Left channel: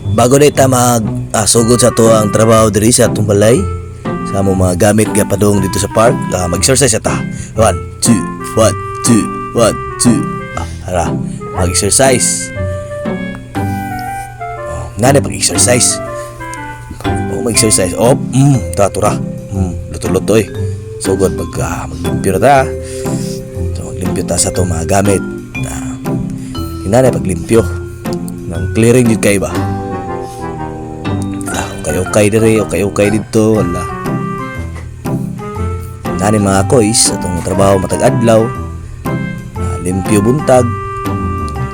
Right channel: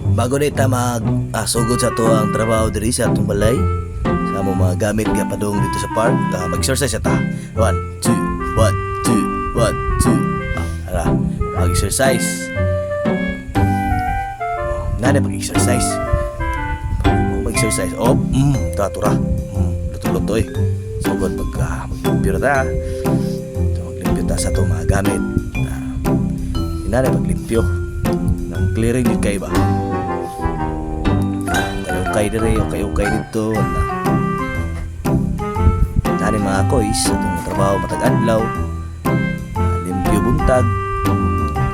Bago na ita sugod sa to ang trabaho diri sa atong balay, sa among mga gamit nga padung dito sa park, mag-exercise ta. 1 2 1 2 1 2. Ara, mag-exercise. Nana pag-exercise. Mag-exercise. Tatura. Luto-luto eh. Sugod maglimpyo na ta. So maglimpyo ta sa to mga gamit. Nana paglimpyo. Nang clearing yun kayo ba? Okay dire, okay dito, wala. Nani mga kois, itong trabaho matag adlaw, limpyo buntag,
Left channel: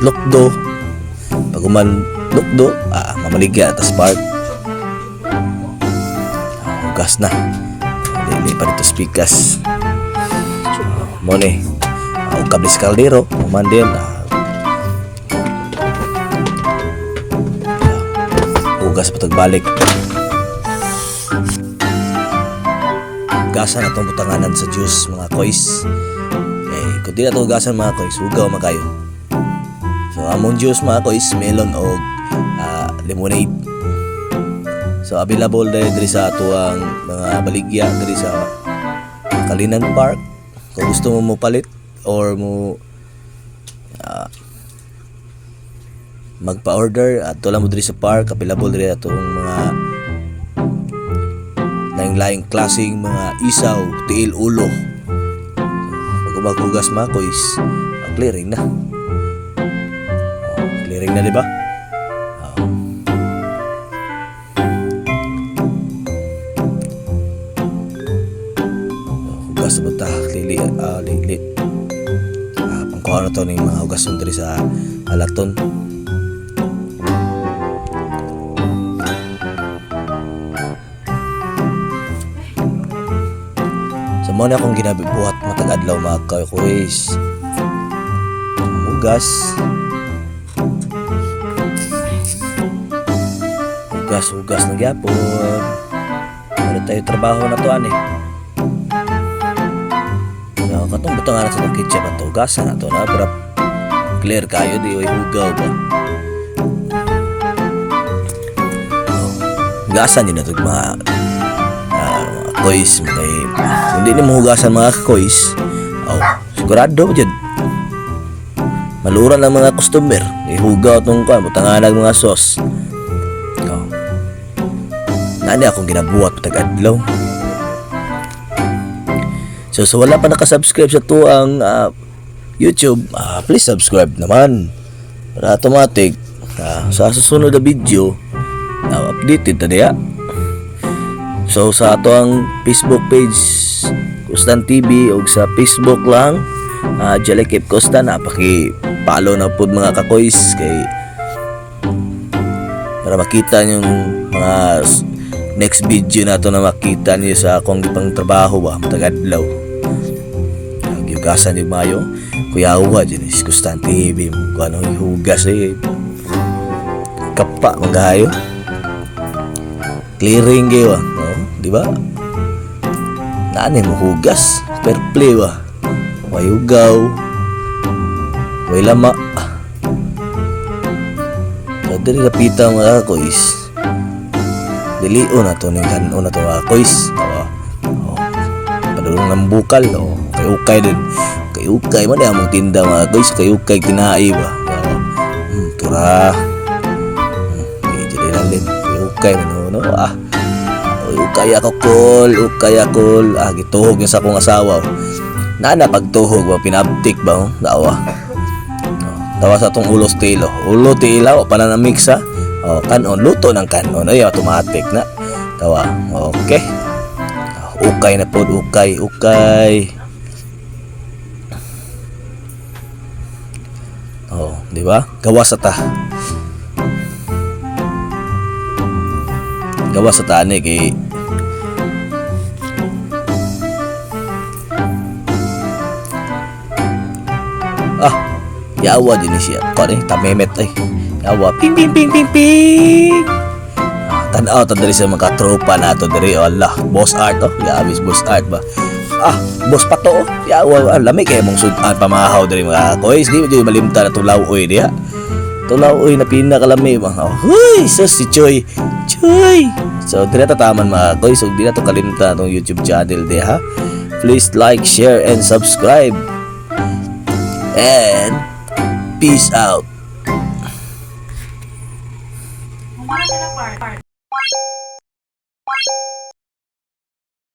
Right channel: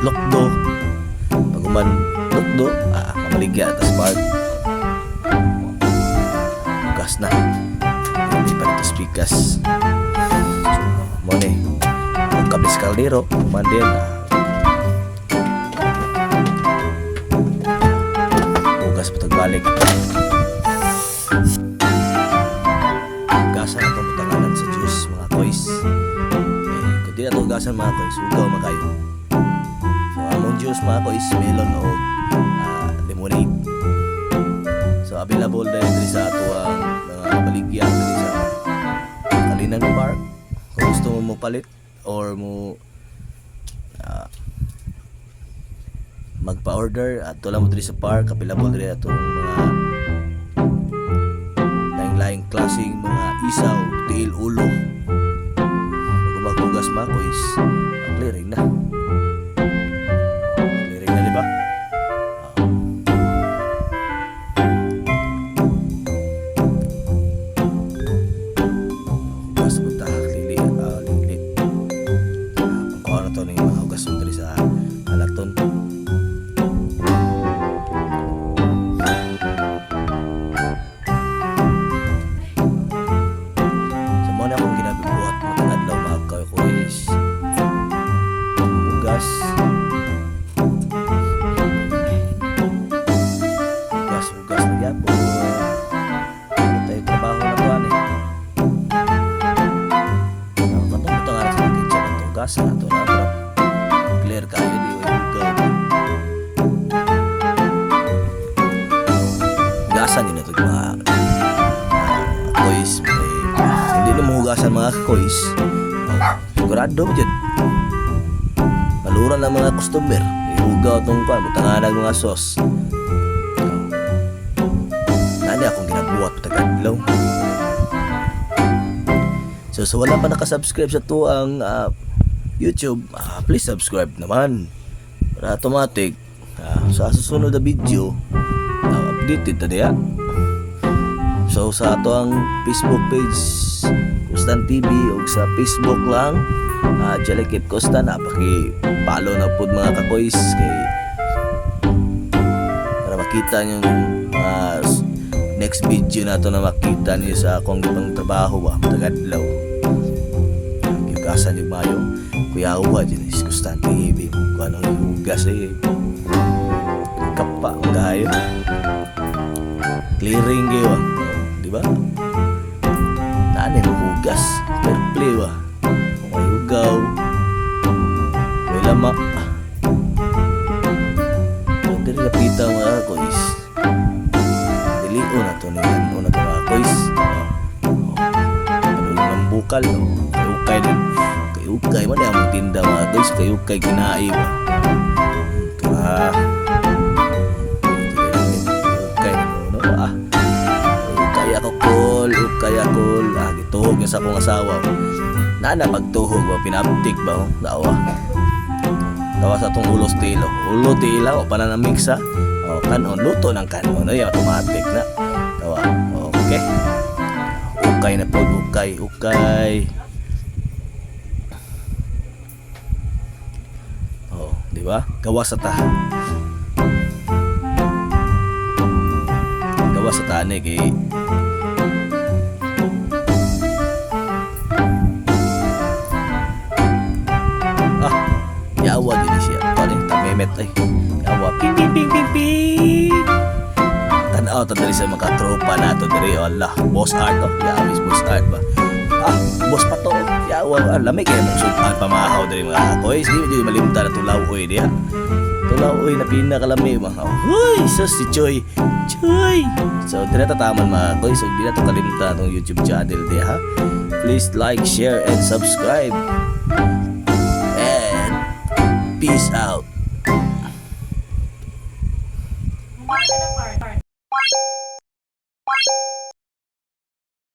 lukdo, paguman lukdo, mamaligya at spark. Hugas na, hindi pa dito spikas. Mone, ang kabis kaldero, mandel, hugas patag balik. Gasan atong butanganan sa juice mga kois. Kung di na ito gasan mga kois, ugaw makayo. So among juice mga kois, melon o lemonade. So available dahil sa ato ang mga baligya diri sa Kalinan Park. Kung gusto mo palit or mo magpa-order, ato lang mo diri sa park, available diri atong mga laing klaseng mga isaw, tiil, ulo. Pag maghugas mga kois, clearing na. Clearing na, diba? Hugas mo ta, lili. Pangkuha na to ng mga hugas mo dali sa alaton. Muna akong ginabibuhat matag adlaw mga kois. Hugas na gyapon. Ano tayo trabaho na to ani? Katong butang anak sa kitchen na to, hugasan na to na para clear kayo di oy hugaw ba. Hugasan din na to mga kois. Hindi na mahugasan mga kois. Sigurado dyan. Maluran lang mga customer. Ihugaw itong butanganag mga sauce. Nani akong ginabuhat patag adlaw. So wala pa nakasubscribe sa to ang YouTube, please subscribe naman para automatic sa susunod na video updated na niya. So sa ato ang Facebook page Kustan TV o sa Facebook lang Jalekip Kustan, paki-follow na po mga kakois kay para makita yung mga next video na to na makita niyo sa akong ibang trabaho ba matagadlaw. Hugasan yung mayo Kuya Uwa dyan is Kustan TV mo ano yung hugas kapa magayo clearing kayo diba? Naanin mo hugas fair play ba? May ugaw may lama pwede rin kapita mga kois dilion na to ningan na to mga kois padulong ng bukal kayukay din kayukay man yung mong tinda mga kois kayukay kinaay ba tura jadi lang din kayukay no ukay ako gituhog yung sa akong asawa nana pagtuhog ba pinaptik ba dawa sa itong ulo tila o pala na mixa kanon luto ng kanon ay automatic na dawa okay ukay na po ukay di ba gawa sa tani kay yawa din siya tamemet yawa ping tanaw ta diri sa mga tropa nato diri Allah boss art yabis boss art ba boss pato yawa lami kay mong sudan pamahaw diri mga kois di malimta na tulaw oy diha Tulaoy na pinakalami mga. Huy, sus si Choy. Choy. So dili ta taman mga koy. So di na to kalimutan atong YouTube channel di ha. Please like, share and subscribe. And peace out.